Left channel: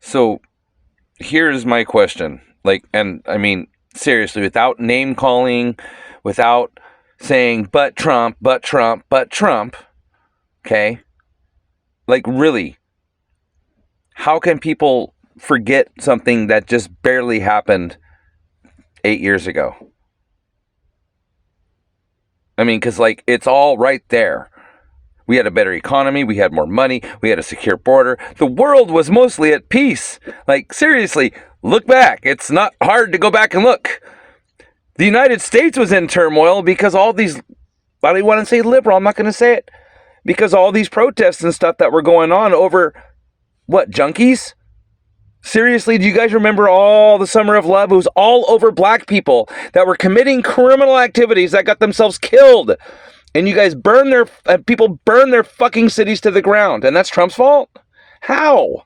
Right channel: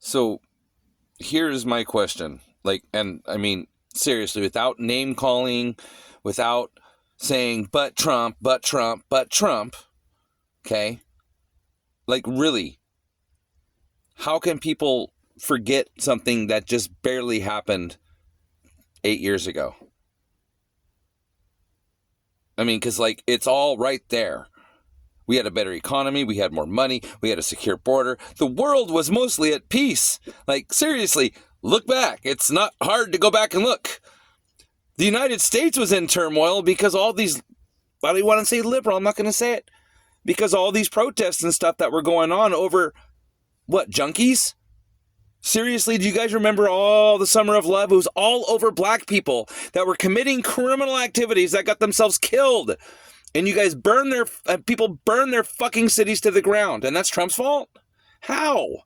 So here's my question. Like, and I mean, seriously, without name calling, without saying, but Trump, but Trump, but Trump, okay? Like, really, how can people forget something that just barely happened 8 years ago? I mean, because, like, it's all right there. We had a better economy. We had more money. We had a secure border. The world was mostly at peace. Like, seriously, look back. It's not hard to go back and look. The United States was in turmoil because all these, I don't want to say liberal, I'm not going to say it, because all these protests and stuff that were going on over, what, junkies? Seriously, do you guys remember all the Summer of Love? It was all over black people that were committing criminal activities that got themselves killed. And you guys people burn their fucking cities to the ground. And that's Trump's fault? How?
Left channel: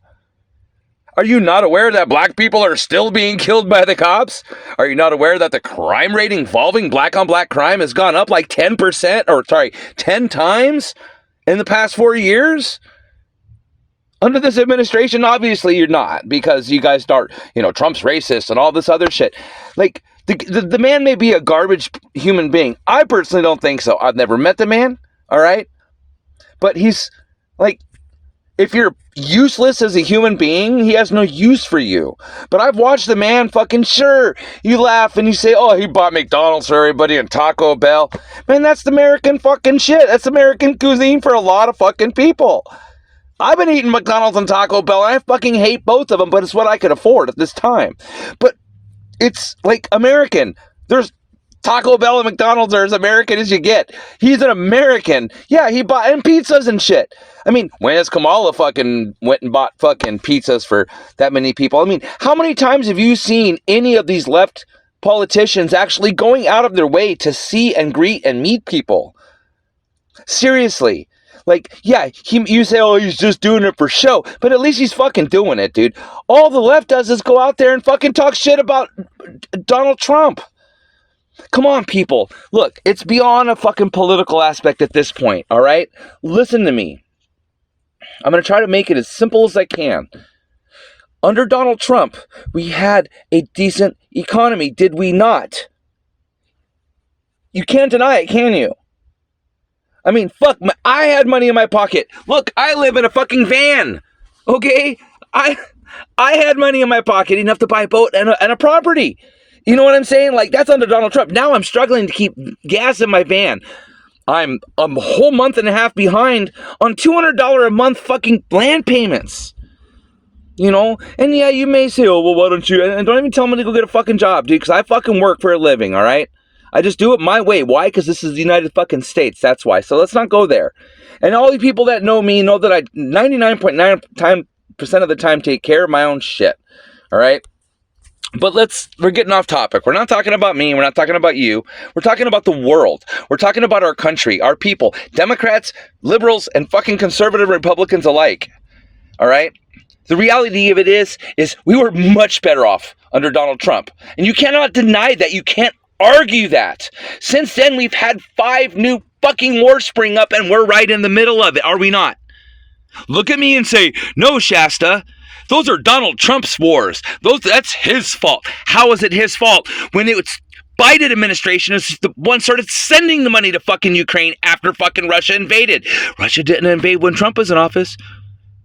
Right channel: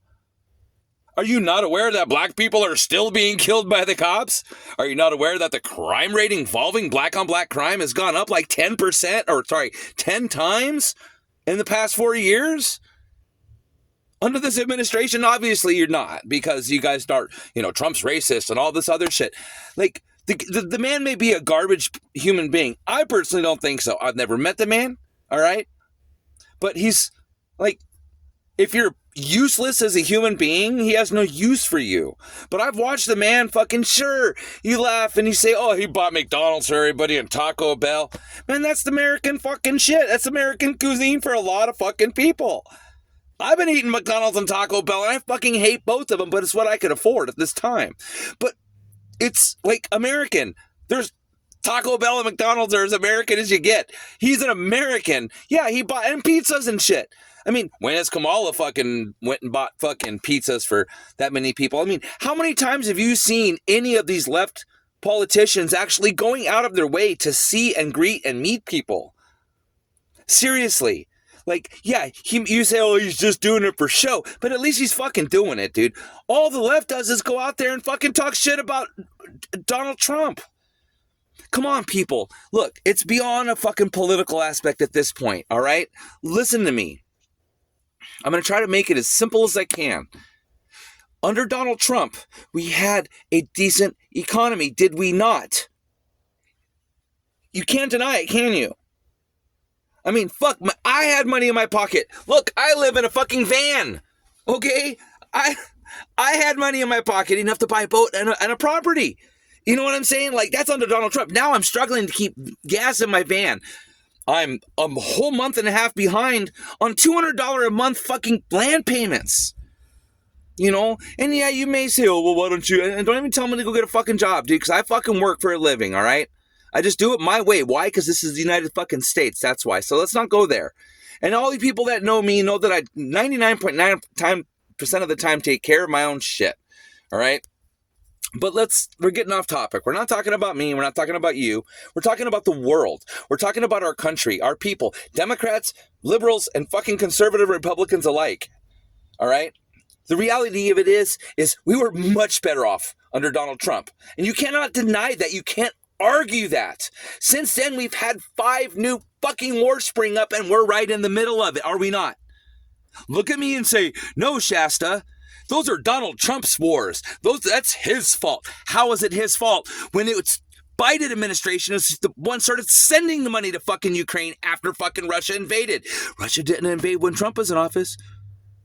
Are you not aware that black people are still being killed by the cops? Are you not aware that the crime rate involving black on black crime has gone up like 10 times in the past 4 years? Under this administration, obviously you're not, because you guys start, Trump's racist and all this other shit. Like, the man may be a garbage human being. I personally don't think so. I've never met the man, all right? But he's, like, if you're useless as a human being, he has no use for you. But I've watched the man fucking, sure, you laugh and you say, oh, he bought McDonald's for everybody and Taco Bell. Man, that's the American fucking shit. That's American cuisine for a lot of fucking people. I've been eating McDonald's and Taco Bell, and I fucking hate both of them, but it's what I could afford at this time. But it's like American. There's Taco Bell and McDonald's are as American as you get. He's an American. Yeah, he bought and pizzas and shit. I mean, when has Kamala fucking went and bought fucking pizzas for that many people? I mean, how many times have you seen any of these left politicians actually going out of their way to see and greet and meet people? Seriously. Like, yeah, you say, oh, he's just doing it for show, but at least he's fucking doing it, dude. All the left does is go out there and fucking talk shit about Donald Trump. Come on, people. Look, it's beyond a fucking political aspect at this point, all right? Listen to me. I'm going to try to make it as simple as I can. Under Donald Trump, we had a decent economy, did we not? You can't deny it, can you? I mean, fuck, I had money in my pocket. Look, I live in a fucking van, okay? I had money in my pocket, enough to buy a boat and a property. You know what I'm saying? Like, that's under Donald Trump. Now I'm struggling to keep gas in my van. I'm a whole month and a half behind on $200 a month fucking land payments. And yeah, you may say, oh, well, why don't you? And don't even tell me to go get a fucking job, dude, because I fucking work for a living, all right? I just do it my way. Why? Because this is the United fucking States. That's why. So let's not go there. And all the people that know me know that I 99.9% of the time take care of my own shit. All right? But we're getting off topic. We're not talking about me. We're not talking about you. We're talking about the world. We're talking about our country, our people, Democrats, liberals, and fucking conservative Republicans alike. All right? The reality of it is we were much better off under Donald Trump. And you cannot deny that. You can't argue that. Since then, we've had 5 new fucking wars spring up, and we're right in the middle of it, are we not? Look at me and say, no, Shasta, those are Donald Trump's wars. That's his fault. How is it his fault when it's Biden administration is the one started sending the money to fucking Ukraine after fucking Russia invaded? Russia didn't invade when Trump was in office,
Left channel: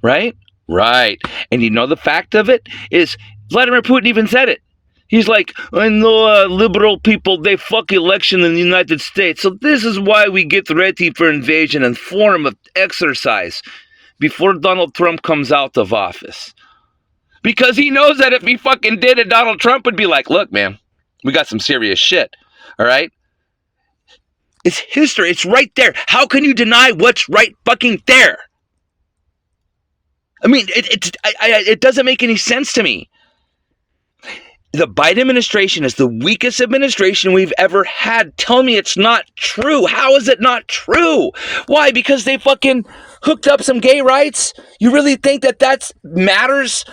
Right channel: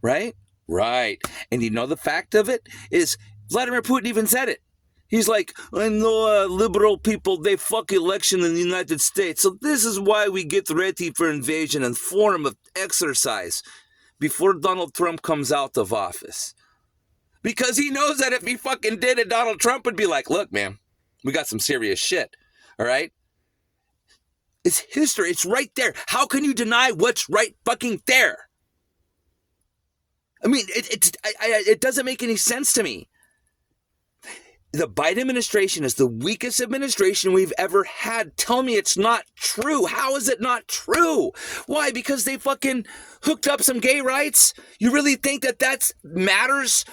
right? Right. And the fact of it is Vladimir Putin even said it. He's like, I know liberal people, they fuck election in the United States. So this is why we get ready for invasion and form of exercise before Donald Trump comes out of office. Because he knows that if he fucking did it, Donald Trump would be like, look, man, we got some serious shit. All right? It's history. It's right there. How can you deny what's right fucking there? I mean, it doesn't make any sense to me. The Biden administration is the weakest administration we've ever had. Tell me it's not true. How is it not true? Why? Because they fucking hooked up some gay rights? You really think that matters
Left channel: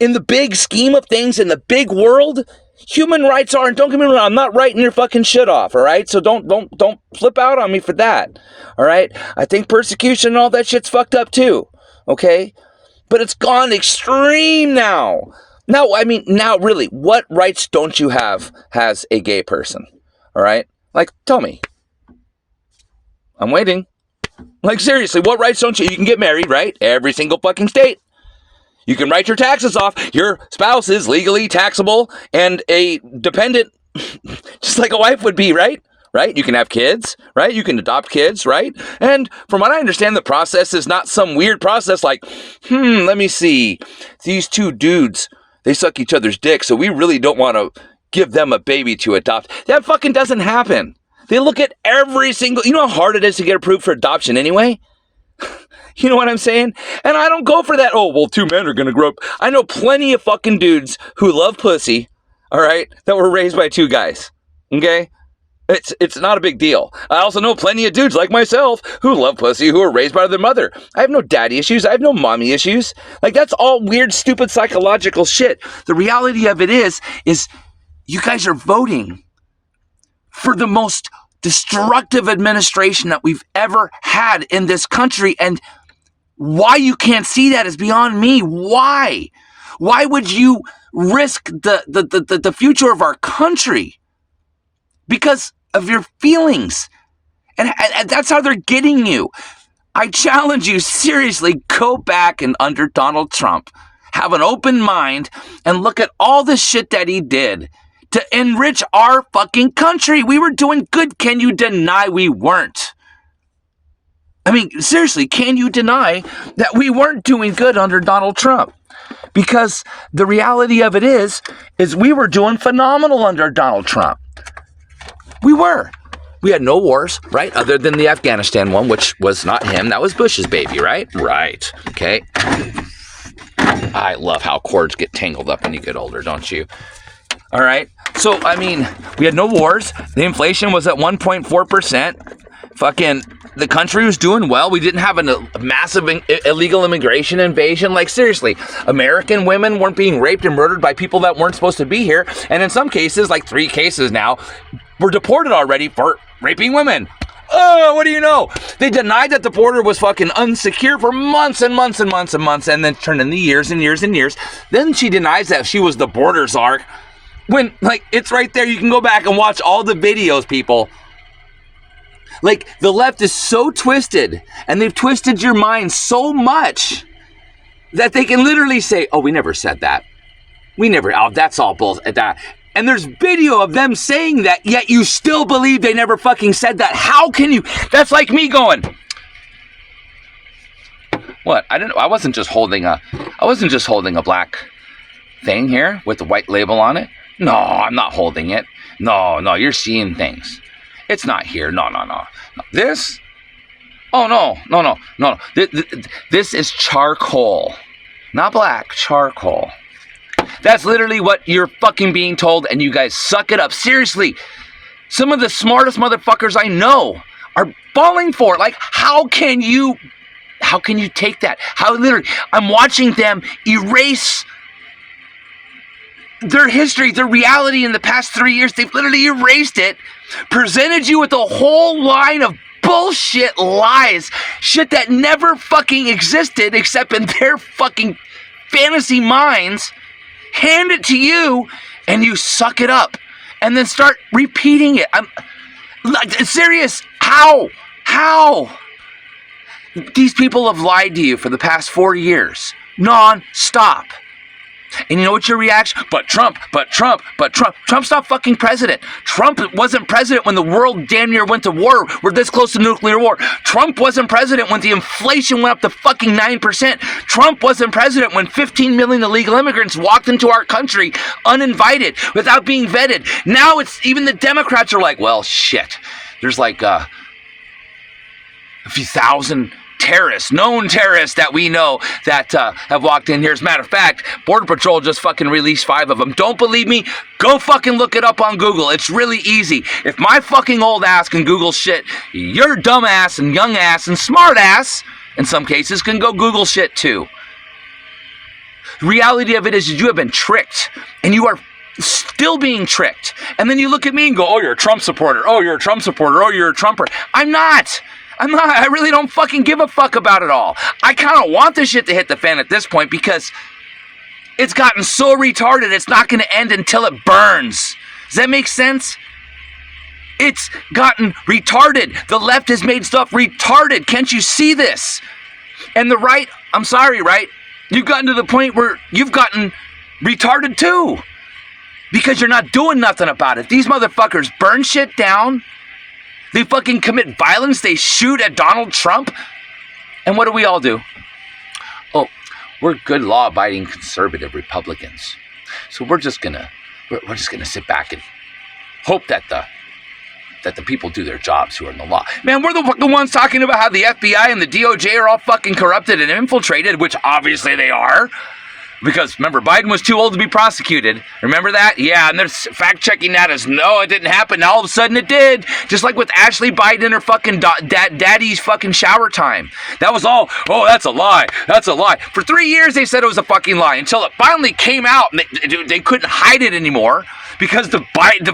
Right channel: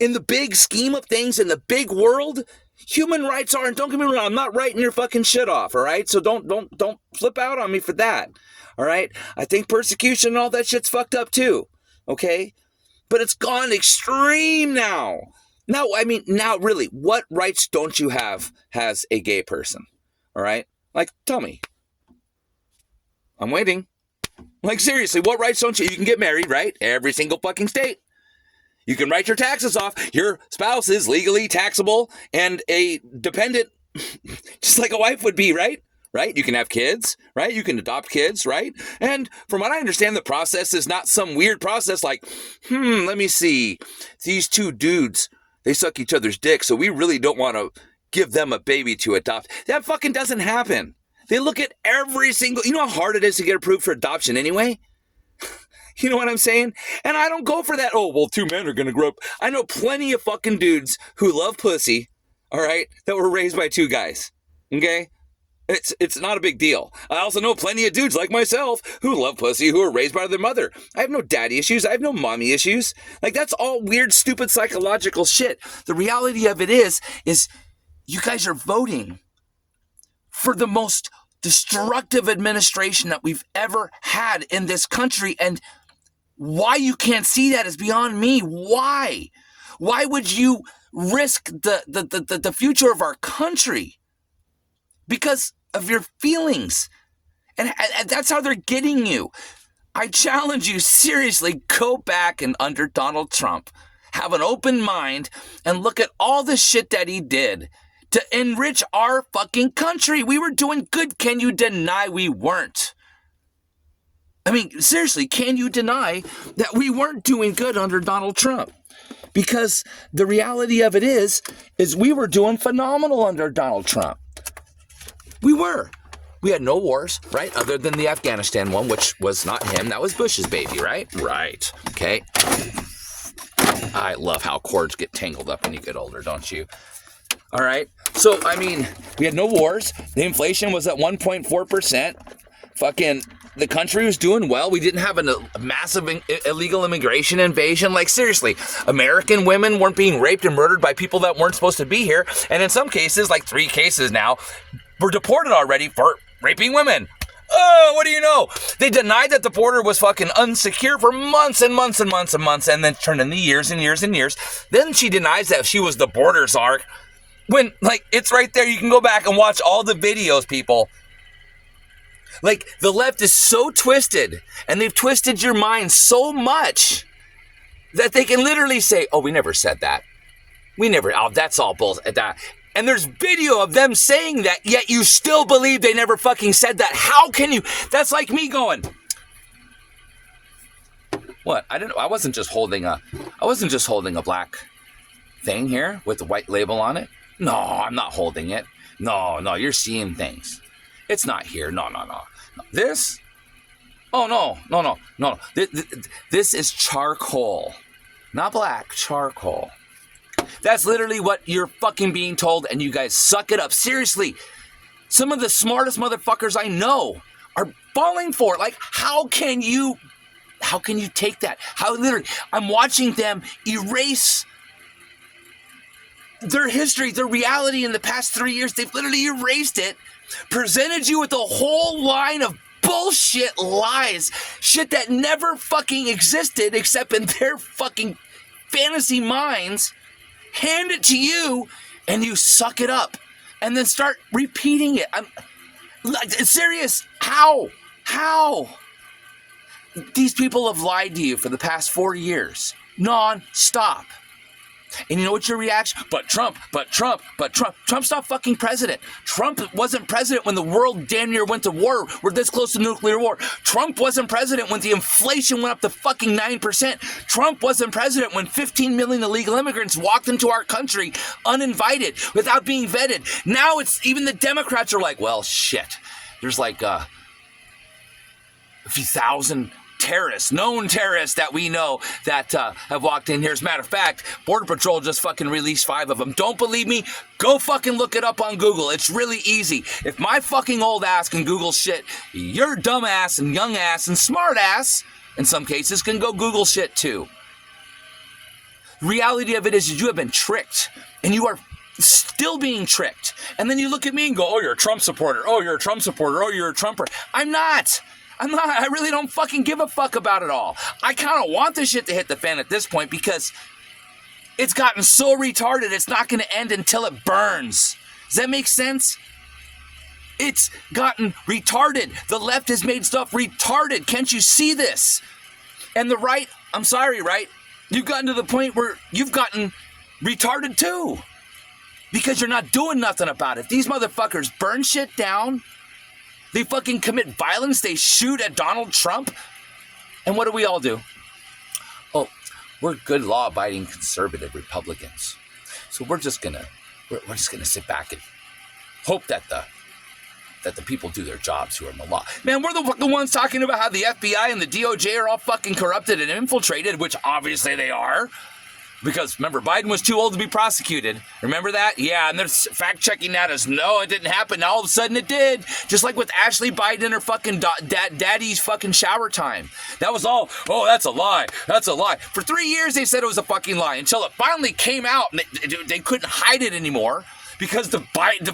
in the big scheme of things, in the big world? Human rights aren't. Don't get me wrong. I'm not writing your fucking shit off, all right? So don't flip out on me for that, all right? I think persecution and all that shit's fucked up too, okay? But it's gone extreme now. Now, I mean, now really, what rights don't you have as a gay person? All right? Like, tell me. I'm waiting. Like, seriously, what rights don't you? You can get married, right? Every single fucking state. You can write your taxes off. Your spouse is legally taxable and a dependent, just like a wife would be, right? Right? You can have kids, right? You can adopt kids, right? And from what I understand, the process is not some weird process like, let me see. These two dudes, they suck each other's dick, so we really don't want to give them a baby to adopt. That fucking doesn't happen. They look at every single, you know how hard it is to get approved for adoption anyway? You know what I'm saying? And I don't go for that. Oh, well, two men are going to grow up. I know plenty of fucking dudes who love pussy, all right, that were raised by two guys, okay? It's not a big deal. I also know plenty of dudes like myself who love pussy who are raised by their mother. I have no daddy issues. I have no mommy issues. Like, that's all weird, stupid, psychological shit. The reality of it is you guys are voting for the most destructive administration that we've ever had in this country. And why you can't see that is beyond me. Why? Why would you risk the future of our country because of your feelings? And that's how they're getting you. I challenge you, seriously, go back and under Donald Trump, have an open mind and look at all the shit that he did to enrich our fucking country. We were doing good. Can you deny we weren't? I mean, seriously, can you deny that we weren't doing good under Donald Trump? Because the reality of it is we were doing phenomenal under Donald Trump. We were. We had no wars, right? Other than the Afghanistan one, which was not him. That was Bush's baby, right? Right. Okay. I love how cords get tangled up when you get older, don't you? All right. So, I mean, we had no wars. The inflation was at 1.4%. Fucking, the country was doing well. We didn't have a massive illegal immigration invasion. Like, seriously, American women weren't being raped and murdered by people that weren't supposed to be here. And in some cases, like 3 cases now, were deported already for raping women. What do you know? They denied that the border was fucking unsecure for months and months and months and months, and then turned into years and years and years. Then she denies that she was the border czar. When, like, it's right there. You can go back and watch all the videos, people. Like, the left is so twisted, and they've twisted your mind so much that they can literally say, oh, we never said that. Oh, that's all bullshit. And there's video of them saying that, yet you still believe they never fucking said that. How can you? That's like me going, what? I don't know. I wasn't just holding a black thing here with the white label on it. No, I'm not holding it. No, you're seeing things. It's not here. No. This? Oh, no. This is charcoal. Not black, charcoal. That's literally what you're fucking being told, and you guys suck it up. Seriously, some of the smartest motherfuckers I know are falling for it. Like, how can you take that? I'm watching them erase their history, their reality in the past 3 years. They've literally erased it, presented you with a whole line of bullshit lies, shit that never fucking existed except in their fucking fantasy minds, hand it to you, and you suck it up, and then start repeating it. I'm serious. How? These people have lied to you for the past 4 years, non-stop. And you know what's your reaction? But Trump. Trump's not fucking president. Trump wasn't president when the world damn near went to war. We're this close to nuclear war. Trump wasn't president when the inflation went up to fucking 9%. Trump wasn't president when 15 million illegal immigrants walked into our country uninvited, without being vetted. Now it's even the Democrats are like, well, shit. There's like a few thousand known terrorists that we know that have walked in here. As a matter of fact, Border Patrol just fucking released 5 of them. Don't believe me? Go fucking look it up on Google. It's really easy. If my fucking old ass can Google shit, your dumb ass and young ass and smart ass, in some cases, can go Google shit too. The reality of it is you have been tricked, and you are still being tricked. And then you look at me and go, oh, you're a Trump supporter. Oh, you're a Trump supporter. Oh, you're a Trumper. I'm not. I really don't fucking give a fuck about it all. I kind of want this shit to hit the fan at this point because it's gotten so retarded it's not going to end until it burns. Does that make sense? It's gotten retarded. The left has made stuff retarded. Can't you see this? And the right, I'm sorry, right? You've gotten to the point where you've gotten retarded too. Because you're not doing nothing about it. These motherfuckers burn shit down. They fucking commit violence. They shoot at Donald Trump. And what do we all do? Oh, we're good law-abiding conservative Republicans. So we're just gonna sit back and hope that the people do their jobs who are in the law. Man, we're the fucking ones talking about how the FBI and the DOJ are all fucking corrupted and infiltrated, which obviously they are. Because, remember, Biden was too old to be prosecuted. Remember that? Yeah, and they're fact-checking that as, no, it didn't happen. Now all of a sudden it did. Just like with Ashley Biden and her fucking daddy's fucking shower time. That was all, oh, that's a lie. That's a lie. For 3 years they said it was a fucking lie until it finally came out and they couldn't hide it anymore because the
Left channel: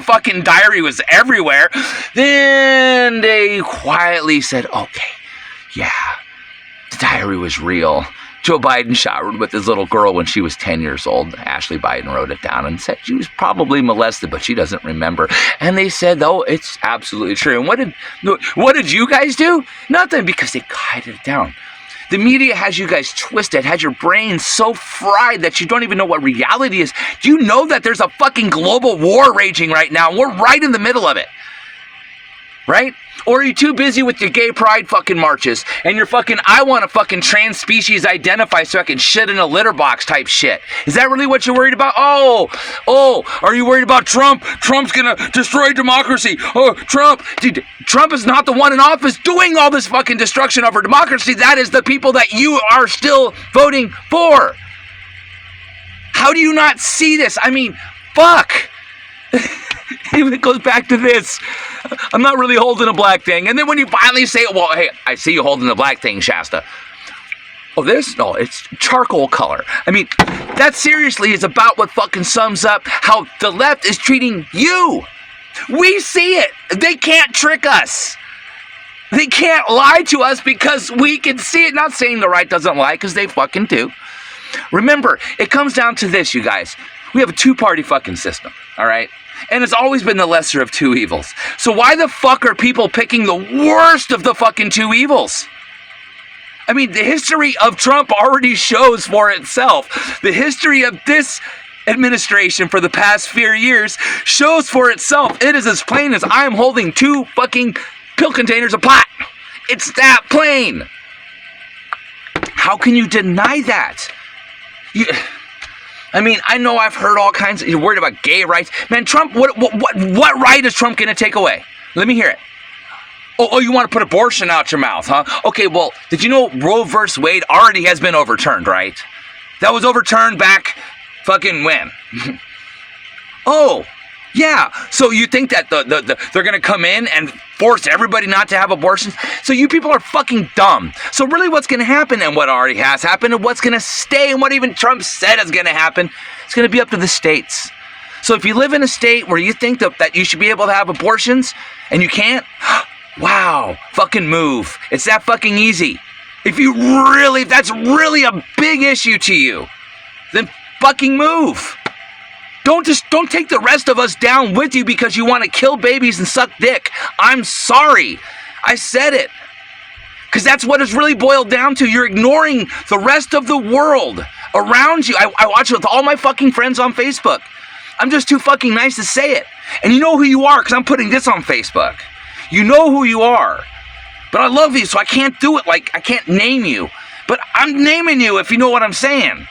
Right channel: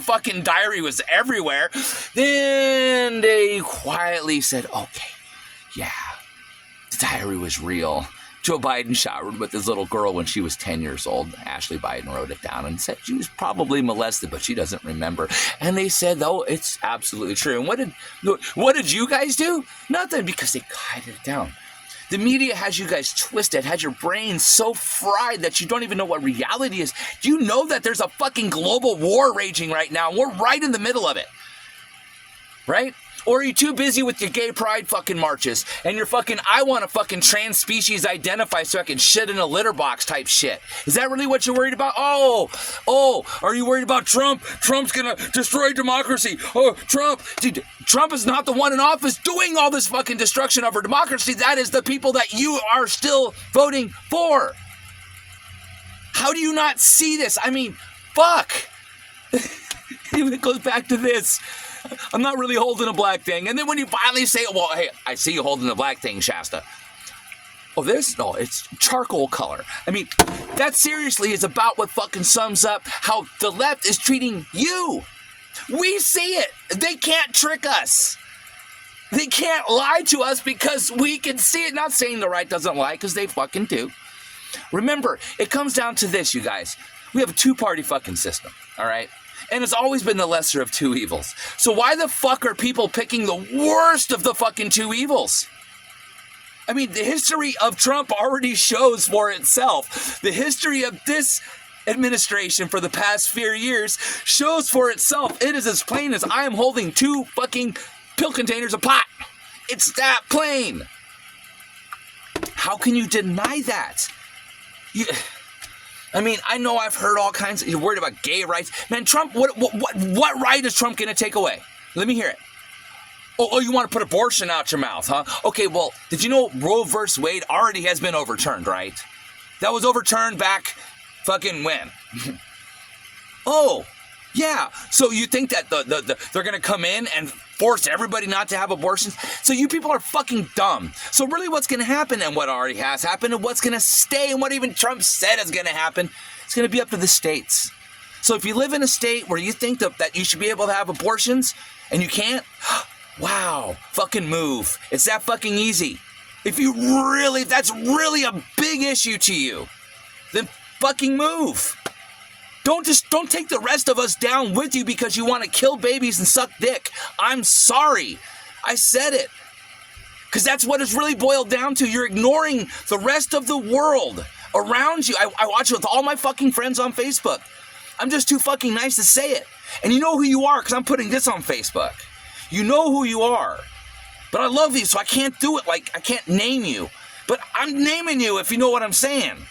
fucking diary was everywhere. Then they quietly said, okay, yeah, the diary was real. Joe Biden showered with his little girl when she was 10 years old. Ashley Biden wrote it down and said she was probably molested, but she doesn't remember. And they said, oh, it's absolutely true. And what did you guys do? Nothing, because they quieted it down. The media has you guys twisted, has your brain so fried that you don't even know what reality is. Do you know that there's a fucking global war raging right now? And we're right in the middle of it. Right? Or are you too busy with your gay pride fucking marches and your fucking, I want to fucking trans species identify so I can shit in a litter box type shit? Is that really what you're worried about? Oh, are you worried about Trump? Trump's gonna destroy democracy. Oh, Trump. Dude, Trump is not the one in office doing all this fucking destruction of our democracy. That is the people that you are still voting for. How do you not see this? I mean, fuck. It goes back to this. I'm not really holding a black thing. And then when you finally say, well, hey, I see you holding the black thing, Shasta. Oh, this? No, it's charcoal color. I mean, that seriously is about what fucking sums up how the left is treating you. We see it. They can't trick us. They can't lie to us because we can see it. Not saying the right doesn't lie, because they fucking do. Remember, it comes down to this, you guys. We have a two-party fucking system, all right? And it's always been the lesser of two evils. So why the fuck are people picking the worst of the fucking two evils? I mean, the history of Trump already shows for itself. The history of this administration for the past 4 years shows for itself. It is as plain as I am holding two fucking pill containers of pot. It's that plain. How can you deny that? I mean, I know I've heard all kinds of, you're worried about gay rights. Man, Trump, what right is Trump going to take away? Let me hear it. Oh, you want to put abortion out your mouth, huh? Okay, well, did you know Roe versus Wade already has been overturned, right? That was overturned back fucking when? Oh, yeah. So you think that they're going to come in and force everybody not to have abortions? So you people are fucking dumb. So really what's going to happen, and what already has happened, and what's going to stay, and what even Trump said is going to happen, it's going to be up to the states. So if you live in a state where you think that you should be able to have abortions and you can't, wow, fucking move. It's that fucking easy. If that's really a big issue to you, then fucking move. Don't take the rest of us down with you because you want to kill babies and suck dick. I'm sorry. I said it. Because that's what it's really boiled down to. You're ignoring the rest of the world around you. I watch it with all my fucking friends on Facebook. I'm just too fucking nice to say it. And you know who you are because I'm putting this on Facebook. You know who you are. But I love you, so I can't do it. Like, I can't name you. But I'm naming you, if you know what I'm saying.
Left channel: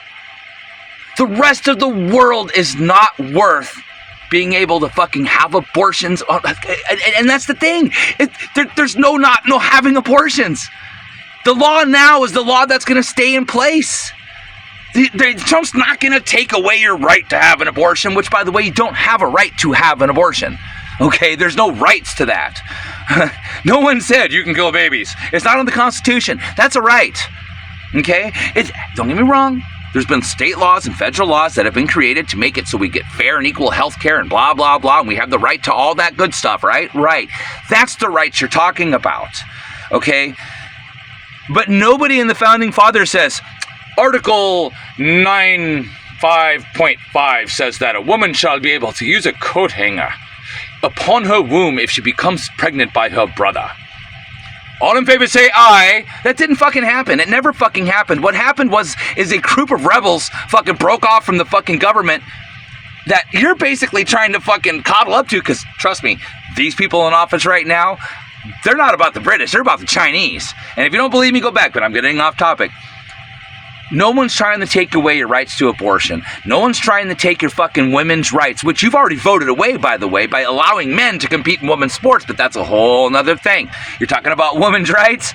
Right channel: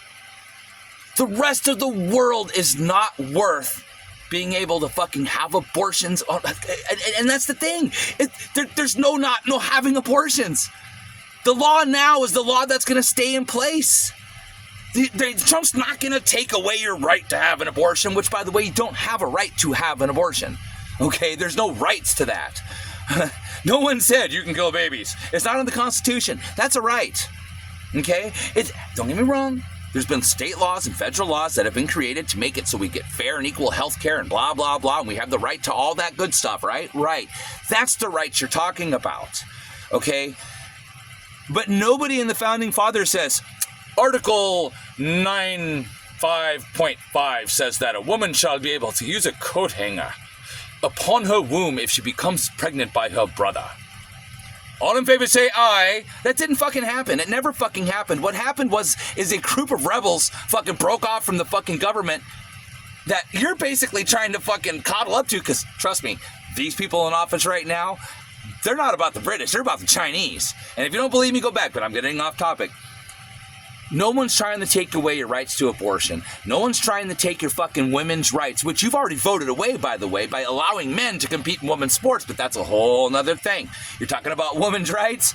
The rest of the world is not worth being able to fucking have abortions. And that's the thing. There's no having abortions. The law now is the law that's going to stay in place. Trump's not going to take away your right to have an abortion, which, by the way, you don't have a right to have an abortion. Okay? There's no rights to that. No one said you can kill babies. It's not in the Constitution. That's a right. Okay? Don't get me wrong. There's been state laws and federal laws that have been created to make it so we get fair and equal health care and blah, blah, blah, and we have the right to all that good stuff, right? Right. That's the rights you're talking about. okay? But nobody in the Founding Fathers says, Article 95.5 says that a woman shall be able to use a coat hanger upon her womb if she becomes pregnant by her brother. All in favor say aye. That didn't fucking happen. It never fucking happened. What happened is a group of rebels fucking broke off from the fucking government that you're basically trying to fucking coddle up to, because trust me, these people in office right now, they're not about the British, they're about the Chinese. And if you don't believe me, go back, but I'm getting off topic. No one's trying to take away your rights to abortion. No one's trying to take your fucking women's rights, which you've already voted away, by the way, by allowing men to compete in women's sports, but that's a whole nother thing. You're talking about women's rights?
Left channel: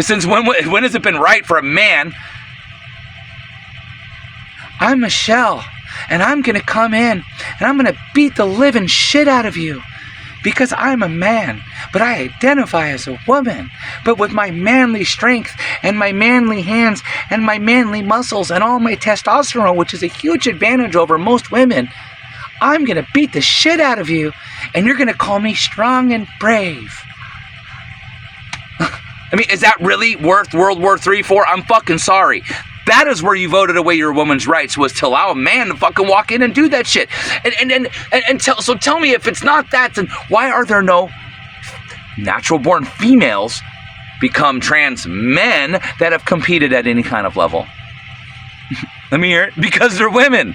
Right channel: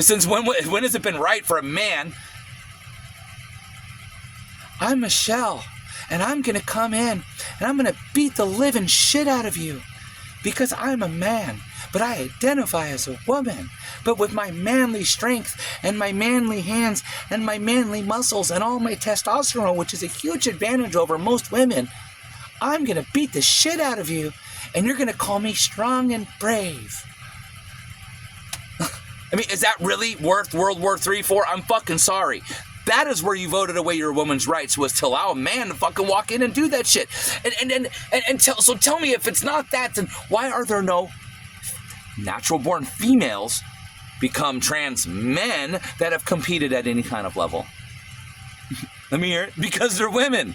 Since when has it been right for a man? I'm Michelle, and I'm gonna come in, and I'm gonna beat the living shit out of you, because I'm a man, but I identify as a woman. But with my manly strength and my manly hands and my manly muscles and all my testosterone, which is a huge advantage over most women, I'm gonna beat the shit out of you, and you're gonna call me strong and brave. I mean, is that really worth World War III for? I'm fucking sorry. That is where you voted away your woman's rights, was to allow a man to fucking walk in and do that shit. So tell me, if it's not that, then why are there no natural-born females become trans men that have competed at any kind of level? Let me hear it. Because they're women.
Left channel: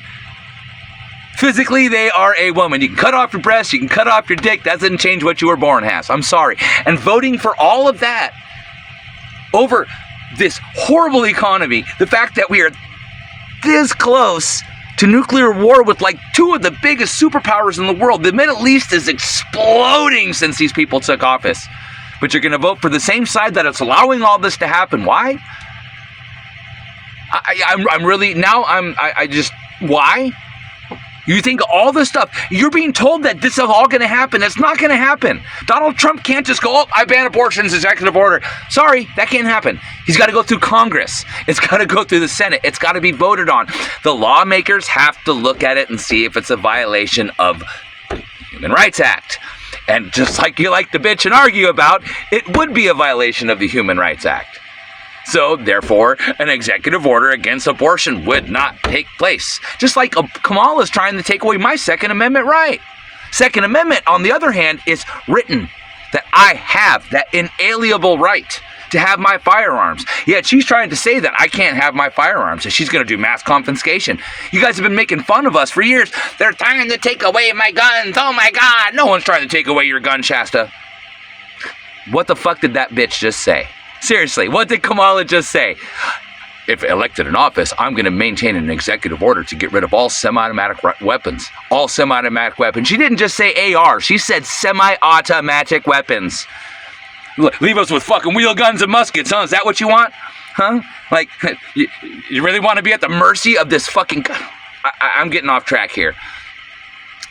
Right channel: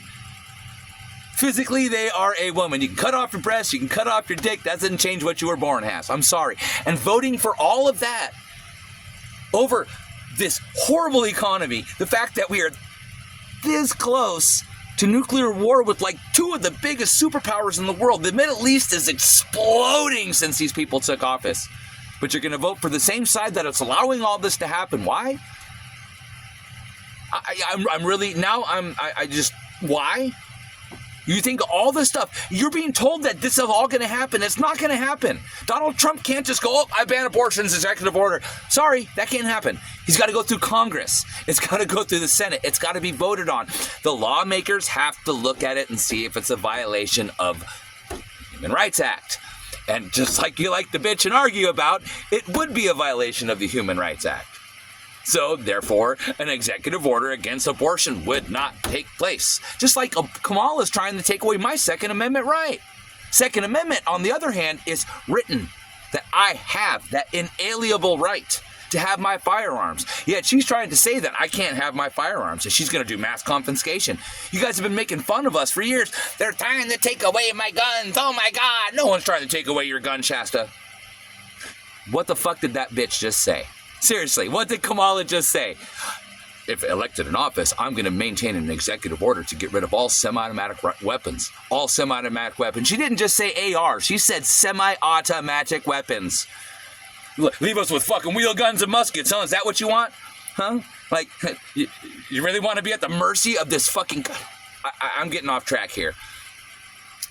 Physically, they are a woman. You can cut off your breasts, you can cut off your dick. That doesn't change what you were born as. I'm sorry. And voting for all of that over this horrible economy, the fact that we are this close to nuclear war with like two of the biggest superpowers in the world. The Middle East is exploding since these people took office. But you're going to vote for the same side that is allowing all this to happen. Why? Why? You think all this stuff, you're being told that this is all going to happen. It's not going to happen. Donald Trump can't just go, I ban abortions, executive order. Sorry, that can't happen. He's got to go through Congress. It's got to go through the Senate. It's got to be voted on. The lawmakers have to look at it and see if it's a violation of the Human Rights Act. And just like you like to bitch and argue about, it would be a violation of the Human Rights Act. So, therefore, an executive order against abortion would not take place. Just like Kamala's trying to take away my Second Amendment right. Second Amendment, on the other hand, is written that I have that inalienable right to have my firearms. Yet she's trying to say that I can't have my firearms, and she's going to do mass confiscation. You guys have been making fun of us for years. They're trying to take away my guns. Oh my God. No one's trying to take away your gun, Shasta. What the fuck did that bitch just say? Seriously, what did Kamala just say? If elected in office, I'm going to maintain an executive order to get rid of all semi-automatic weapons. All semi-automatic weapons. She didn't just say AR. She said semi-automatic weapons. Leave us with fucking wheel guns and muskets, huh? Is that what you want? Huh? Like, you really want to be at the mercy of this fucking... I'm getting off track here.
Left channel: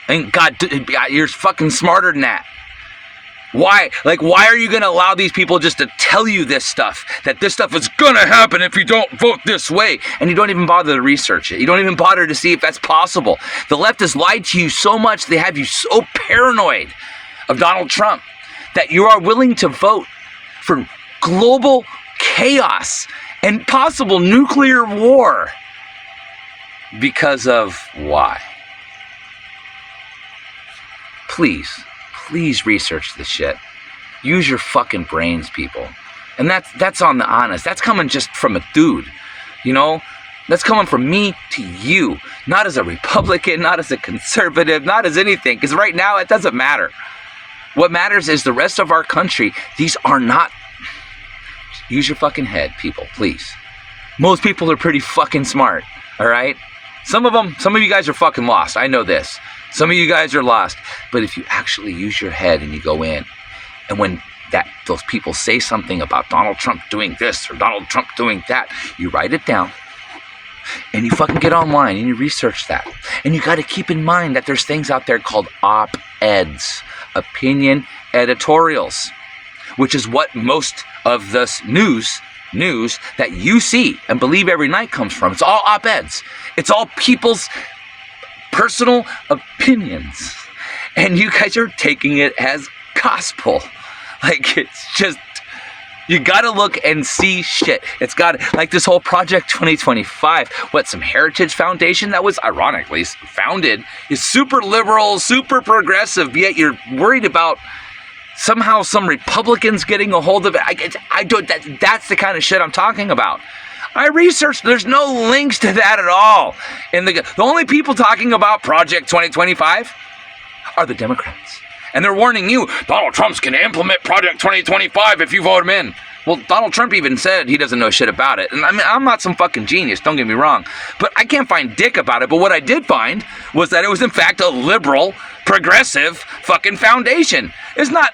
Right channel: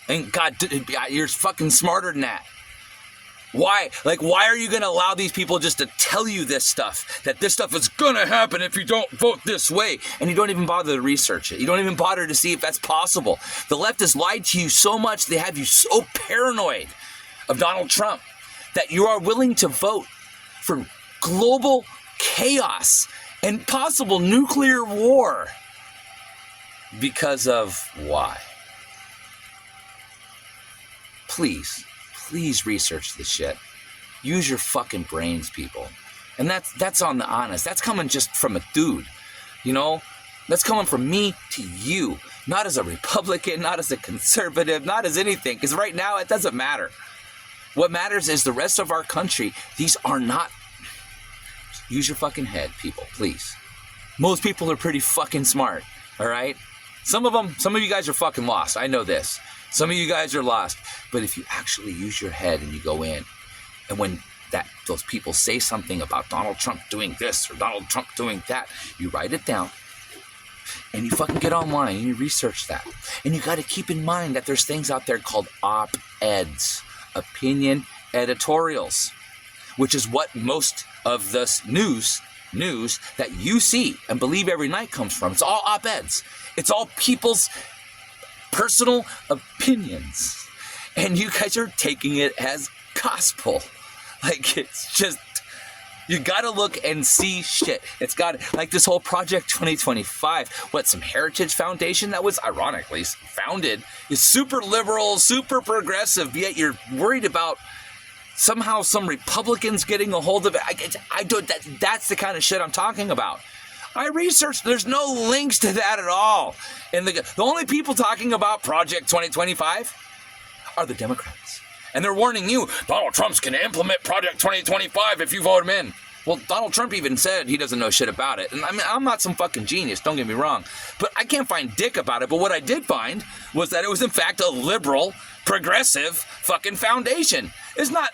And God, you're fucking smarter than that. Why? Like, why are you going to allow these people just to tell you this stuff? That this stuff is going to happen if you don't vote this way. And you don't even bother to research it. You don't even bother to see if that's possible. The left has lied to you so much, they have you so paranoid of Donald Trump that you are willing to vote for global chaos and possible nuclear war. Because of why? Please research this shit. Use your fucking brains, people. And that's on the honest. That's coming just from a dude, you know? That's coming from me to you. Not as a Republican, not as a conservative, not as anything. Because right now, it doesn't matter. What matters is the rest of our country. These are not... Use your fucking head, people, please. Most people are pretty fucking smart, all right? Some of you guys are fucking lost. I know this. Some of you guys are lost. But if you actually use your head and you go in, and when those people say something about Donald Trump doing this or Donald Trump doing that, you write it down. And you fucking get online and you research that. And you got to keep in mind that there's things out there called op-eds, opinion editorials, which is what most of this news that you see and believe every night comes from. It's all op-eds. It's all people's personal opinions. And you guys are taking it as gospel. Like, it's just You gotta look and see shit. It's got, like this whole Project 2025, some Heritage Foundation that was ironically founded is super liberal, super progressive, yet you're worried about somehow some Republicans getting a hold of it. I don't, that's the kind of shit I'm talking about. I researched, there's no links to that at all. And the only people talking about Project 2025 are the Democrats. And they're warning you, Donald Trump's going to implement Project 2025 if you vote him in. Well, Donald Trump even said he doesn't know shit about it. And I mean, I'm not some fucking genius, don't get me wrong. But I can't find dick about it. But what I did find was that it was in fact a liberal, progressive fucking foundation. It's not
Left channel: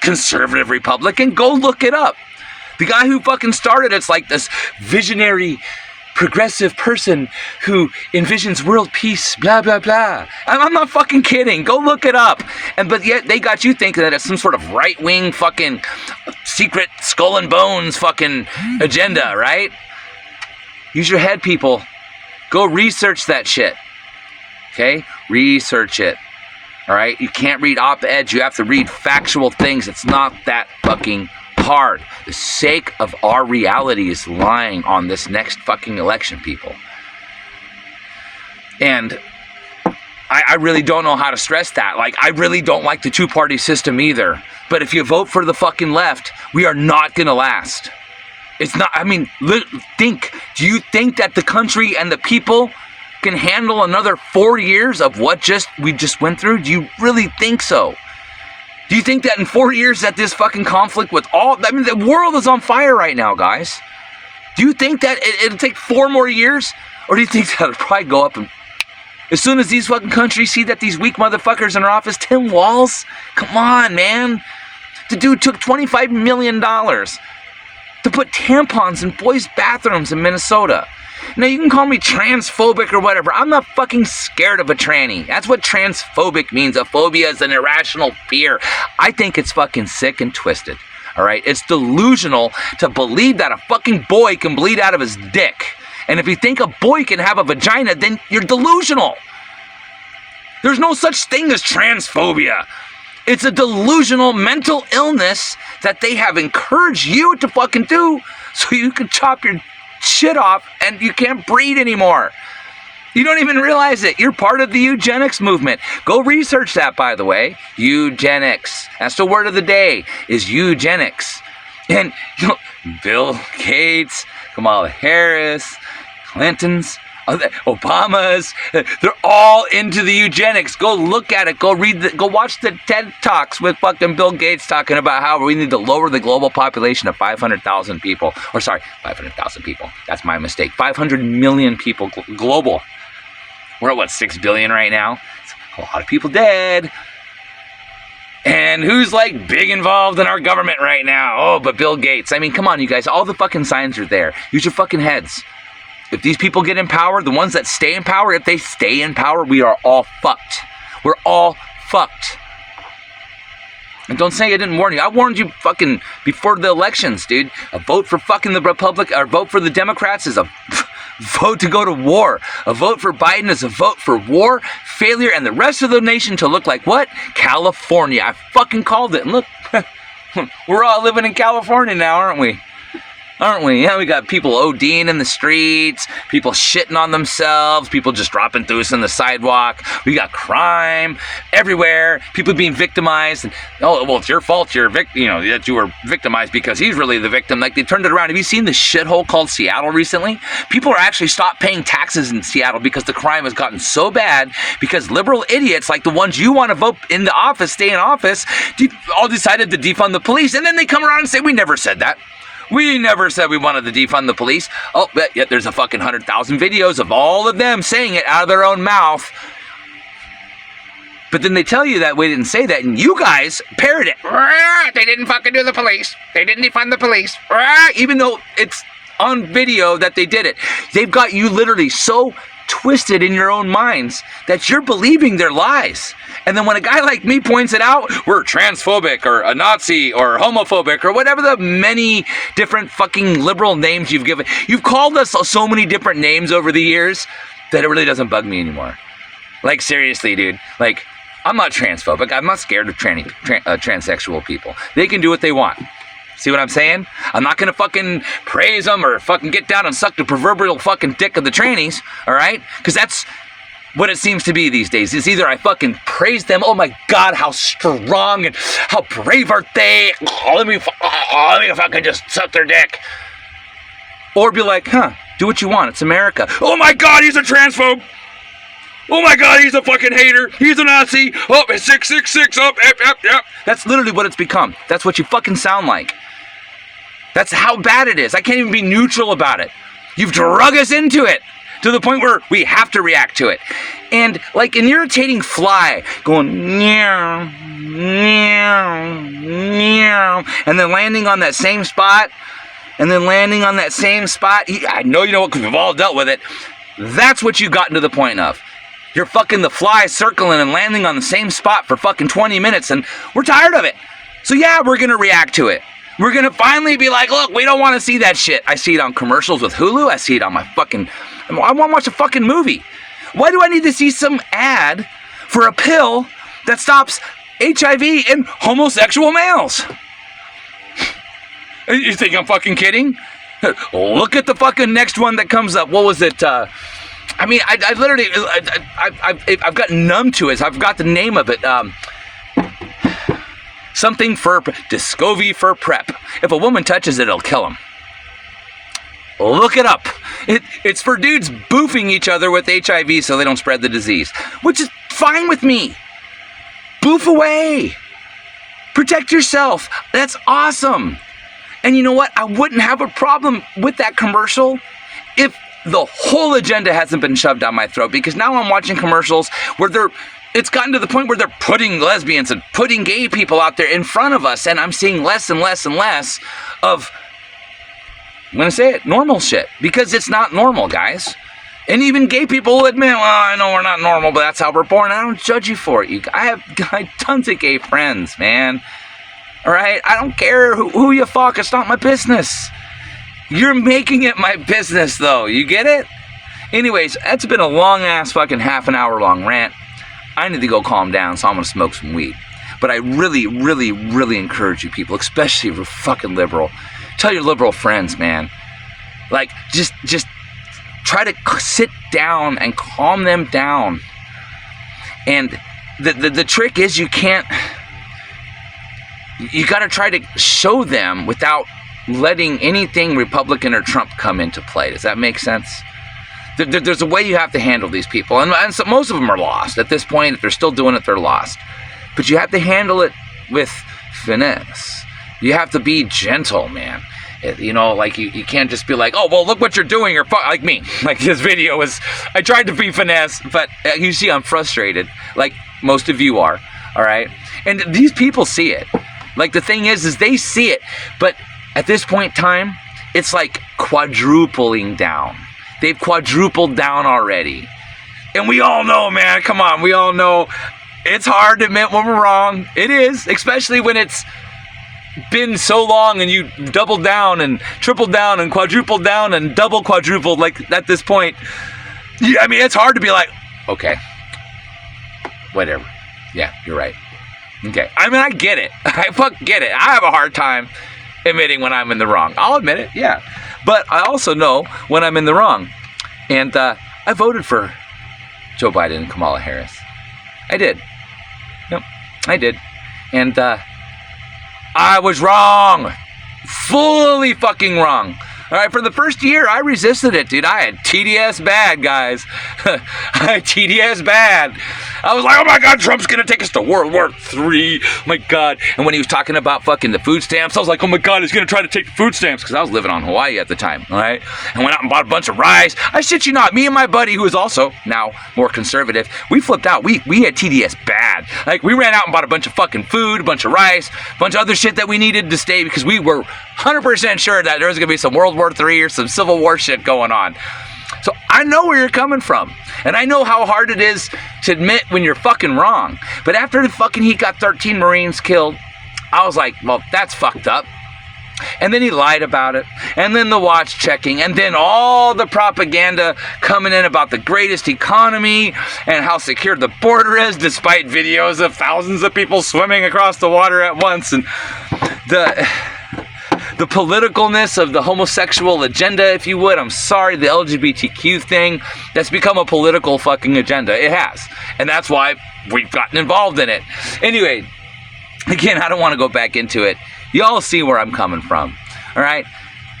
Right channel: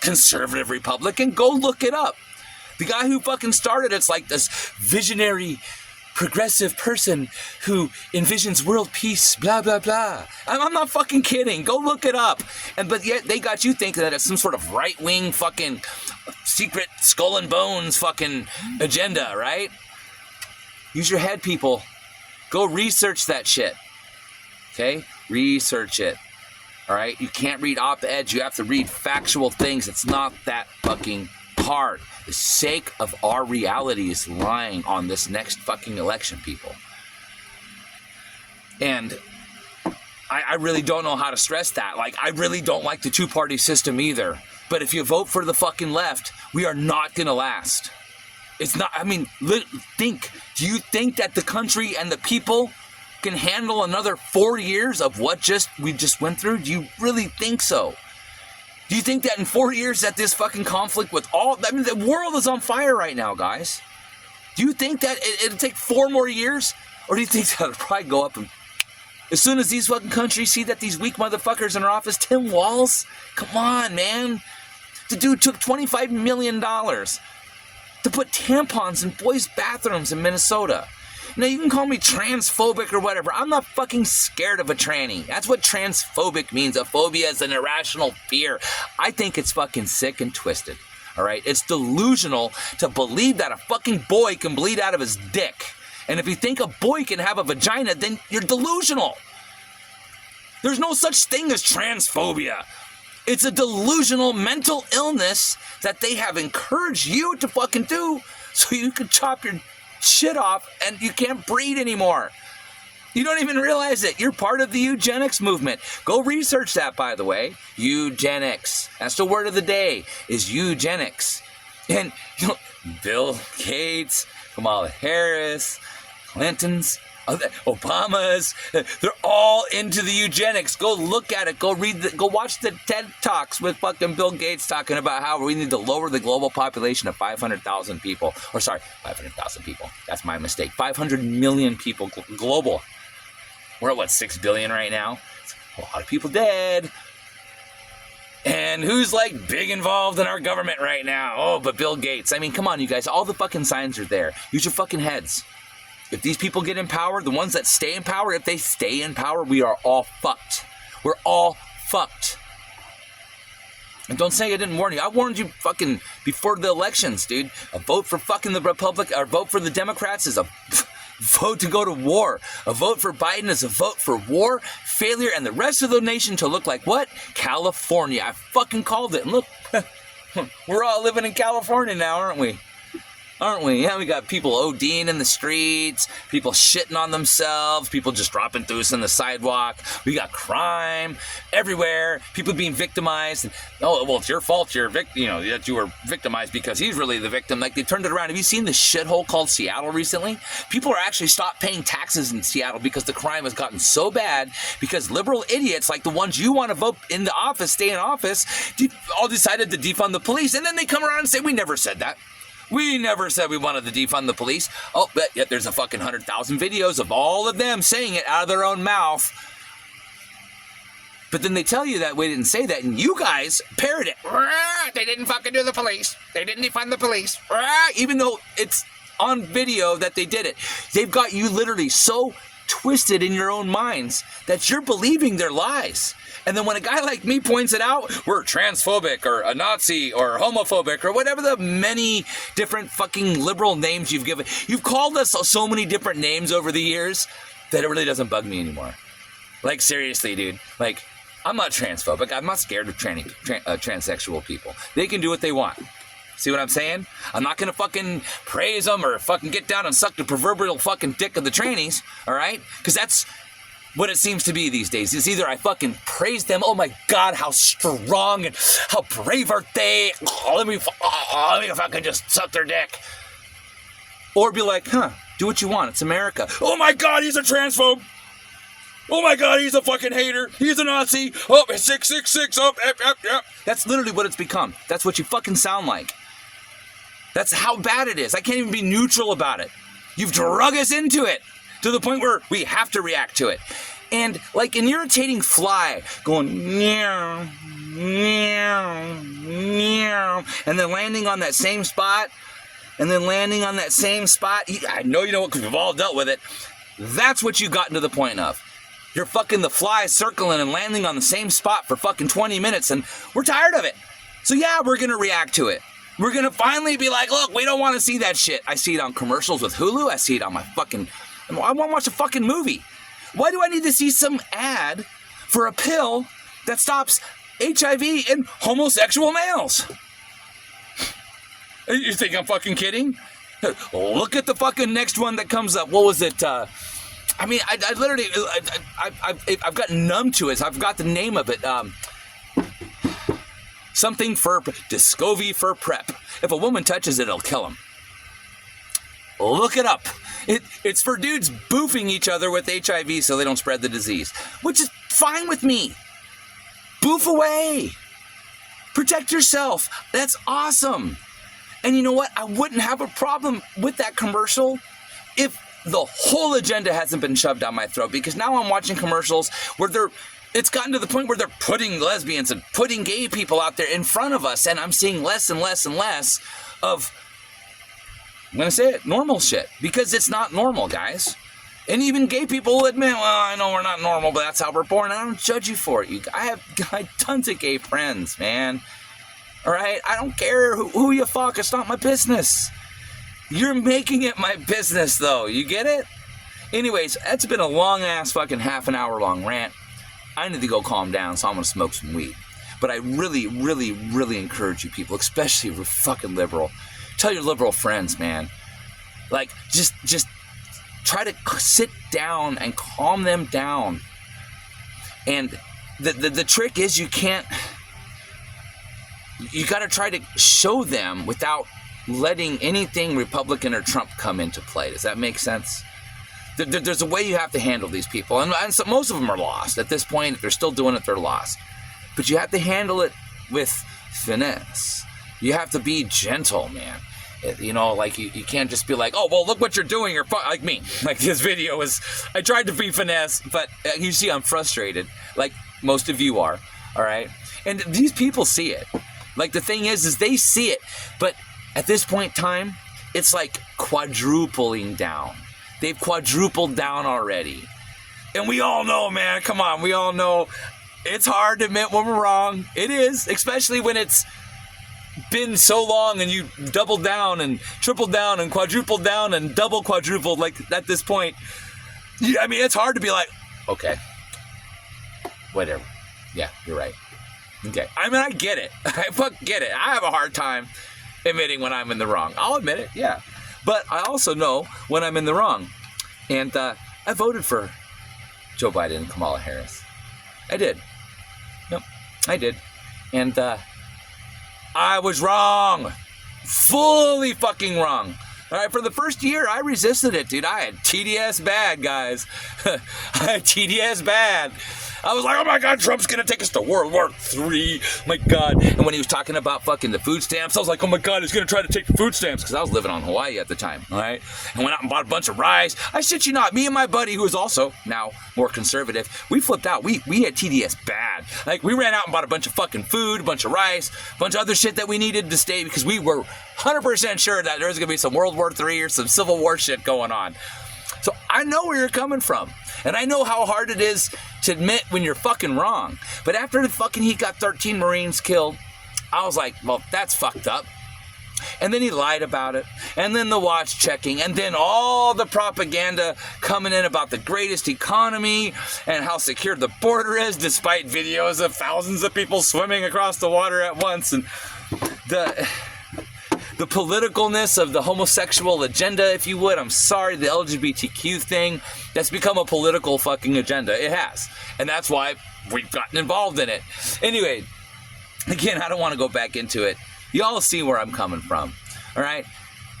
conservative Republican. Go look it up. The guy who fucking started it's like this visionary, progressive person who envisions world peace, blah, blah, blah. I'm not fucking kidding. Go look it up. But yet they got you thinking that it's some sort of right-wing fucking secret skull and bones fucking agenda, right? Use your head, people. Go research that shit. Okay? Research it. All right? You can't read op-eds. You have to read factual things. It's not that fucking hard. The sake of our reality is lying on this next fucking election, people. And I really don't know how to stress that. Like, I really don't like the two-party system either. But if you vote for the fucking left, we are not gonna last. It's not, I mean, think. Do you think that the country and the people can handle another 4 years of what we just went through? Do you really think so? Do you think that in 4 years that this fucking conflict with the world is on fire right now, guys? Do you think that it'll take 4 more years? Or do you think that it'll probably go up and as soon as these fucking countries see that these weak motherfuckers in our office, Tim Walz, come on, man. The dude took $25 million to put tampons in boys' bathrooms in Minnesota. Now, you can call me transphobic or whatever. I'm not fucking scared of a tranny. That's what transphobic means. A phobia is an irrational fear. I think it's fucking sick and twisted. All right? It's delusional to believe that a fucking boy can bleed out of his dick. And if you think a boy can have a vagina, then you're delusional. There's no such thing as transphobia. It's a delusional mental illness that they have encouraged you to fucking do so you can chop your shit off and you can't breed anymore. You don't even realize it. You're part of the eugenics movement. Go research that, by the way. Eugenics. That's the word of the day, is eugenics. And you know, Bill Gates, Kamala Harris, Clinton's, Obama's, they're all into the eugenics. Go look at it. Go watch the TED Talks with fucking Bill Gates talking about how we need to lower the global population of 500,000 people. Or sorry, 500,000 people. That's my mistake. 500 million people global. We're at 6 billion right now. It's a lot of people dead. And who's like big involved in our government right now? Oh, but Bill Gates. I mean, come on, you guys. All the fucking signs are there. Use your fucking heads. If these people get in power, the ones that stay in power, if they stay in power, we are all fucked. We're all fucked. And don't say I didn't warn you. I warned you fucking before the elections, dude. A vote for fucking the Republic, or vote for the Democrats is a vote to go to war. A vote for Biden is a vote for war, failure, and the rest of the nation to look like what? California. I fucking called it. And look, we're all living in California now, aren't we? Aren't we? Yeah, we got people ODing in the streets, people shitting on themselves, people just dropping through us on the sidewalk. We got crime everywhere, people being victimized. And, oh, well, it's your fault that you were victimized because he's really the victim. Like, they turned it around. Have you seen the shithole called Seattle recently? People are actually stopped paying taxes in Seattle because the crime has gotten so bad because liberal idiots like the ones you want to vote in the office, stay in office, all decided to defund the police. And then they come around and say, we never said that. We never said we wanted to defund the police. Oh, but yet there's a fucking 100,000 videos of all of them saying it out of their own mouth. But then they tell you that we didn't say that, and you guys parrot it. They didn't fucking do the police. They didn't defund the police. Even though it's on video that they did it. They've got you literally so twisted in your own minds that you're believing their lies. And then when a guy like me points it out, we're transphobic or a Nazi or homophobic or whatever the many different fucking liberal names you've given. You've called us so many different names over the years that it really doesn't bug me anymore. Like, seriously, dude. Like, I'm not transphobic. I'm not scared of transsexual people. They can do what they want. See what I'm saying? I'm not gonna fucking praise them or fucking get down and suck the proverbial fucking dick of the trannies, all right? Because that's what it seems to be these days. It's either I fucking praise them, oh my God, how strong and how brave are they? Let me fucking just suck their dick. Or be like, do what you want. It's America. Oh my God, he's a transphobe. Oh my God, he's a fucking hater. He's a Nazi. Oh, 666 up. Yep. That's literally what it's become. That's what you fucking sound like. That's how bad it is. I can't even be neutral about it. You've drug us into it to the point where we have to react to it. And like an irritating fly going meow, meow, meow, and then landing on that same spot, I know you know what, because we've all dealt with it. That's what you gotten to the point of. You're fucking the fly circling and landing on the same spot for fucking 20 minutes, and we're tired of it. So yeah, we're gonna react to it. We're gonna finally be like, look, we don't want to see that shit. I see it on commercials with Hulu. I see it on my fucking... I want to watch a fucking movie. Why do I need to see some ad for a pill that stops HIV in homosexual males? You think I'm fucking kidding? Look at the fucking next one that comes up. What was it? I literally... I've gotten numb to it. So I've got the name of it. Something for Descovy for PrEP. If a woman touches it, it'll kill him. Look it up. It's for dudes boofing each other with HIV so they don't spread the disease, which is fine with me. Boof away. Protect yourself. That's awesome. And you know what? I wouldn't have a problem with that commercial if the whole agenda hasn't been shoved down my throat, because now I'm watching commercials where it's gotten to the point where they're putting lesbians and putting gay people out there in front of us, and I'm seeing less and less and less of, I'm gonna say it, normal shit. Because it's not normal, guys. And even gay people will admit, well, I know we're not normal, but that's how we're born. I don't judge you for it. I have tons of gay friends, man. All right? I don't care who you fuck. It's not my business. You're making it my business, though. You get it? Anyways, that's been a long-ass fucking half an hour long rant. I need to go calm down, so I'm gonna smoke some weed. But I really, really, really encourage you people, especially if you're fucking liberal, tell your liberal friends, man. Like, just try to sit down and calm them down. And the trick is you gotta try to show them without letting anything Republican or Trump come into play. Does that make sense? There's a way you have to handle these people, and so most of them are lost at this point. If they're still doing it, they're lost. But you have to handle it with finesse. You have to be gentle, man. You know, like you can't just be like, oh, well, look what you're doing, or like me. Like this video is, I tried to be finesse, but you see I'm frustrated, like most of you are, all right? And these people see it. Like the thing is they see it, but at this point in time, it's like quadrupling down. They've quadrupled down already. And we all know, man, come on, we all know it's hard to admit when we're wrong. It is, especially when it's been so long and you doubled down and tripled down and quadrupled down and double quadrupled, like at this point. Yeah, I mean, it's hard to be like, okay, whatever. Yeah, you're right. Okay. I mean, I get it. I get it. I have a hard time admitting when I'm in the wrong. I'll admit it, yeah. But I also know when I'm in the wrong. And I voted for Joe Biden and Kamala Harris. I did. Yep, I did. And I was wrong. Fully fucking wrong. All right, for the first year, I resisted it, dude. I had TDS bad, guys. I had TDS bad. I was like, oh my God, Trump's gonna take us to World War III. Oh my God. And when he was talking about fucking the food stamps, I was like, oh my God, he's gonna try to take the food stamps, because I was living on Hawaii at the time, all right? And went out and bought a bunch of rice. I shit you not, me and my buddy, who is also now more conservative, we flipped out. We had TDS bad. Like, we ran out and bought a bunch of fucking food, a bunch of rice, a bunch of other shit that we needed to stay, because we were 100% sure that there was gonna be some World War III or some Civil War shit going on. So I know where you're coming from. And I know how hard it is to admit when you're fucking wrong. But after the fucking he got 13 Marines killed, I was like, well, that's fucked up. And then he lied about it. And then the watch checking. And then all the propaganda coming in about the greatest economy and how secure the border is, despite videos of thousands of people swimming across the water at once. And the politicalness of the homosexual agenda, if you would. I'm sorry, the LGBTQ thing, that's become a political fucking agenda. It has. And that's why we've gotten involved in it. Anyway, again, I don't want to go back into it. Y'all see where I'm coming from. All right?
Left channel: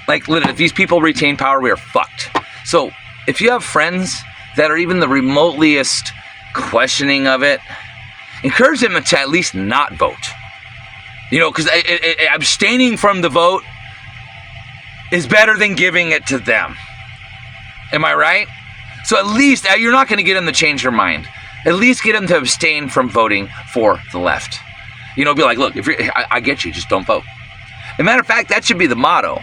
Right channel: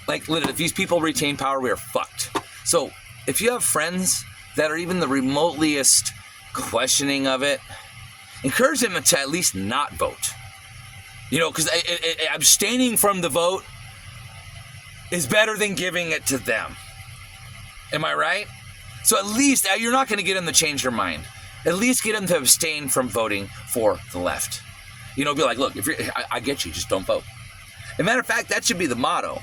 Like, literally, if these people retain power, we are fucked. So, if you have friends that are even the remoteliest questioning of it, encourage them to at least not vote. You know, because abstaining from the vote is better than giving it to them. Am I right? So at least, you're not going to get them to change their mind. At least get them to abstain from voting for the left. You know, be like, look, I get you, just don't vote. As a matter of fact, that should be the motto.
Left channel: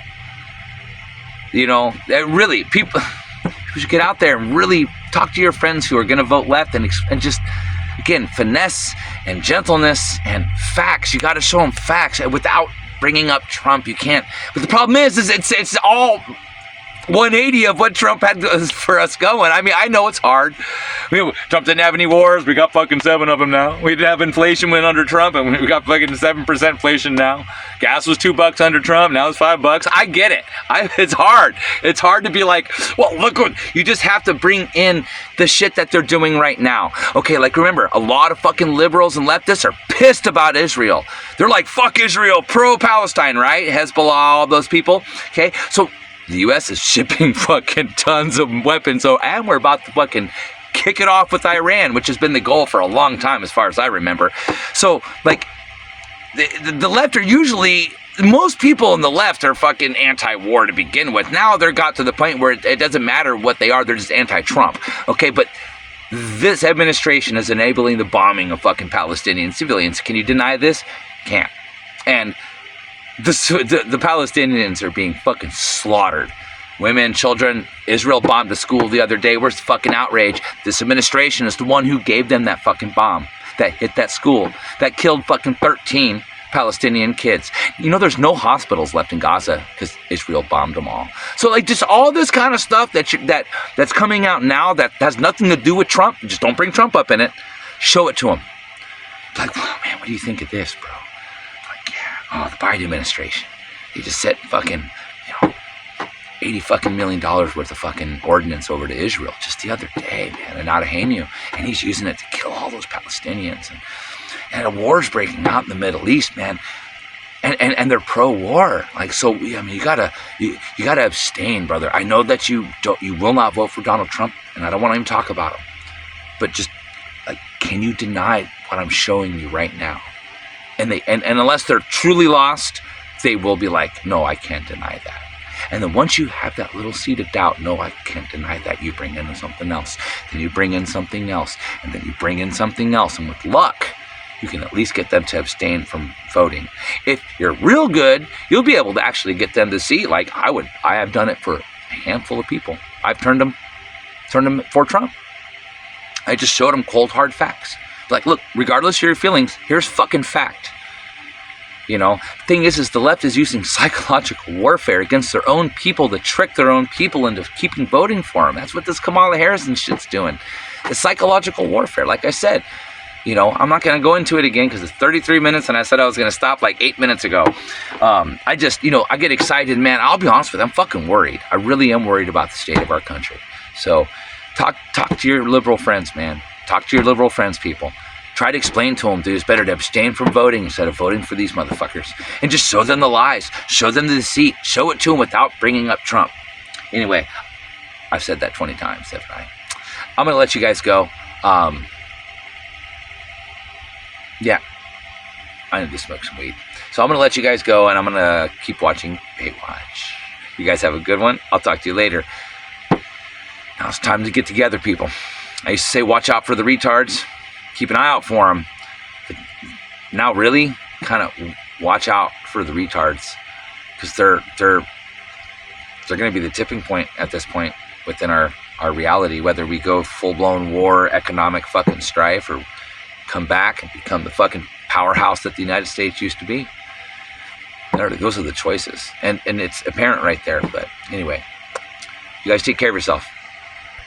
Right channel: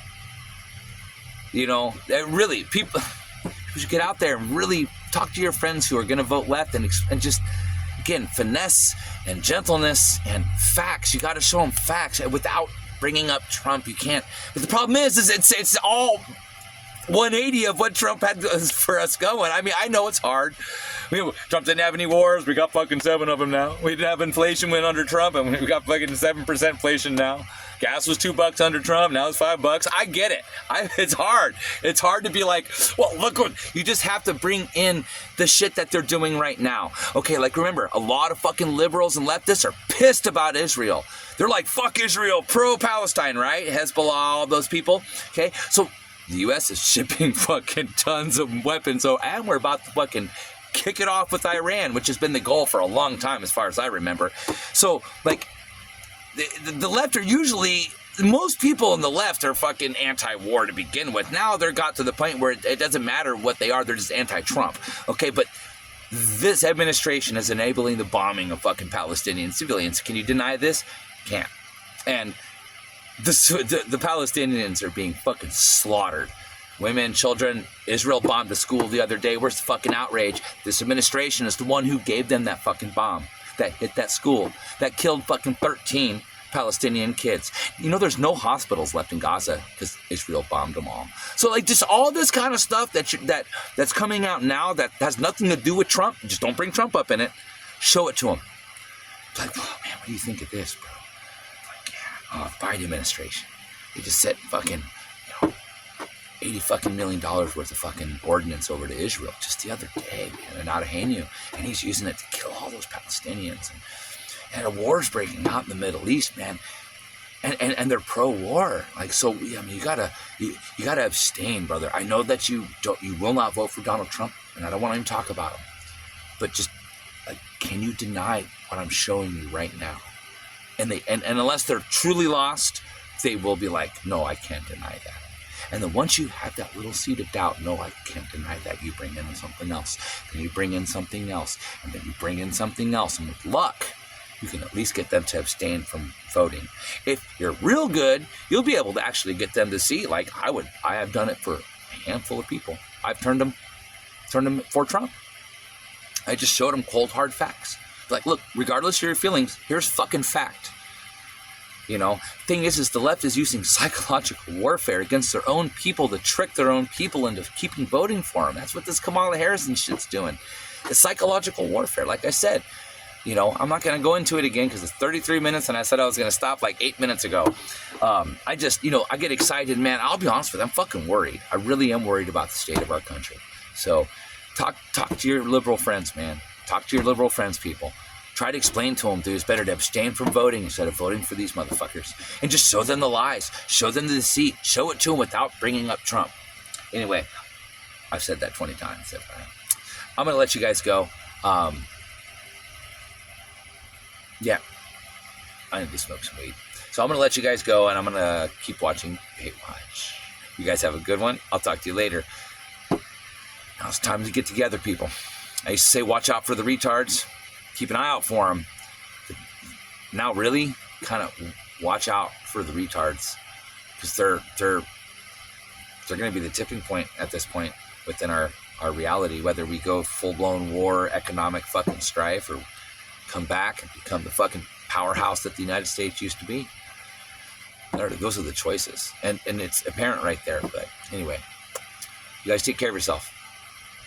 You know, really, people should get out there and really talk to your friends who are going to vote left and just, again, finesse and gentleness and facts. You got to show them facts without bringing up Trump. You can't. But the problem is it's all 180 of what Trump had for us going. I mean, I know it's hard. Trump didn't have any wars. We got fucking 7 of them now. We didn't have inflation when under Trump, and we got fucking 7% inflation now. Gas was $2 under Trump. Now it's $5. I get it. It's hard. It's hard to be like, well, look what you just have to bring in the shit that they're doing right now. Okay, like remember, a lot of fucking liberals and leftists are pissed about Israel. They're like, fuck Israel, pro-Palestine, right? Hezbollah, all those people. Okay, so the U.S. is shipping fucking tons of weapons. So, and we're about to fucking kick it off with Iran, which has been the goal for a long time, as far as I remember. So, like, the left are usually, most people in the left are fucking anti-war to begin with. Now they're got to the point where it doesn't matter what they are, they're just anti-Trump. Okay, but this administration is enabling the bombing of fucking Palestinian civilians. Can you deny this? Can't. And the Palestinians are being fucking slaughtered. Women, children. Israel bombed a school the other day. Where's the fucking outrage? This administration is the one who gave them that fucking bomb that hit that school, that killed fucking 13 Palestinian kids. You know, there's no hospitals left in Gaza because Israel bombed them all. So, like, just all this kind of stuff that's coming out now that has nothing to do with Trump. Just don't bring Trump up in it. Show it to him. Like, oh, man, what do you think of this, bro? Like, yeah, the Biden administration. He just sent fucking, $80 million worth of fucking ordnance over to Israel just the other day, man, and out of Hainu, and he's using it to kill all those Palestinians, and a war's breaking out in the Middle East, man, and they're pro-war, like, so, I mean, you gotta abstain, brother. I know that you will not vote for Donald Trump, and I don't want to even talk about him, but just, like, can you deny what I'm showing you right now? And unless they're truly lost, they will be like, no, I can't deny that. And then once you have that little seed of doubt, no, I can't deny that, you bring in something else. Then you bring in something else. And then you bring in something else. And with luck, you can at least get them to abstain from voting. If you're real good, you'll be able to actually get them to see, like I have done it for a handful of people. I've turned them for Trump. I just showed them cold, hard facts. Like, look, regardless of your feelings, here's fucking fact. You know, the thing is the left is using psychological warfare against their own people to trick their own people into keeping voting for them. That's what this Kamala Harris and shit's doing. It's psychological warfare. Like I said, I'm not going to go into it again because it's 33 minutes and I said I was going to stop like 8 minutes ago. I just, I get excited, man. I'll be honest with you, I'm fucking worried. I really am worried about the state of our country. So talk to your liberal friends, man. Talk to your liberal friends, people. Try to explain to them, dude, it's better to abstain from voting instead of voting for these motherfuckers. And just show them the lies. Show them the deceit. Show it to them without bringing up Trump. Anyway, I've said that 20 times, haven't I? I'm going to let you guys go. Yeah, I need to smoke some weed. So I'm going to let you guys go, and I'm going to keep watching Baywatch. You guys have a good one. I'll talk to you later. Now it's time to get together, people. I used to say watch out for the retards. Keep an eye out for them. But now really kind of watch out for the retards because they're going to be the tipping point at this point within our reality, whether we go full-blown war, economic fucking strife, or come back and become the fucking powerhouse that the United States used to be. Those are the choices. And it's apparent right there. But anyway, you guys take care of yourself.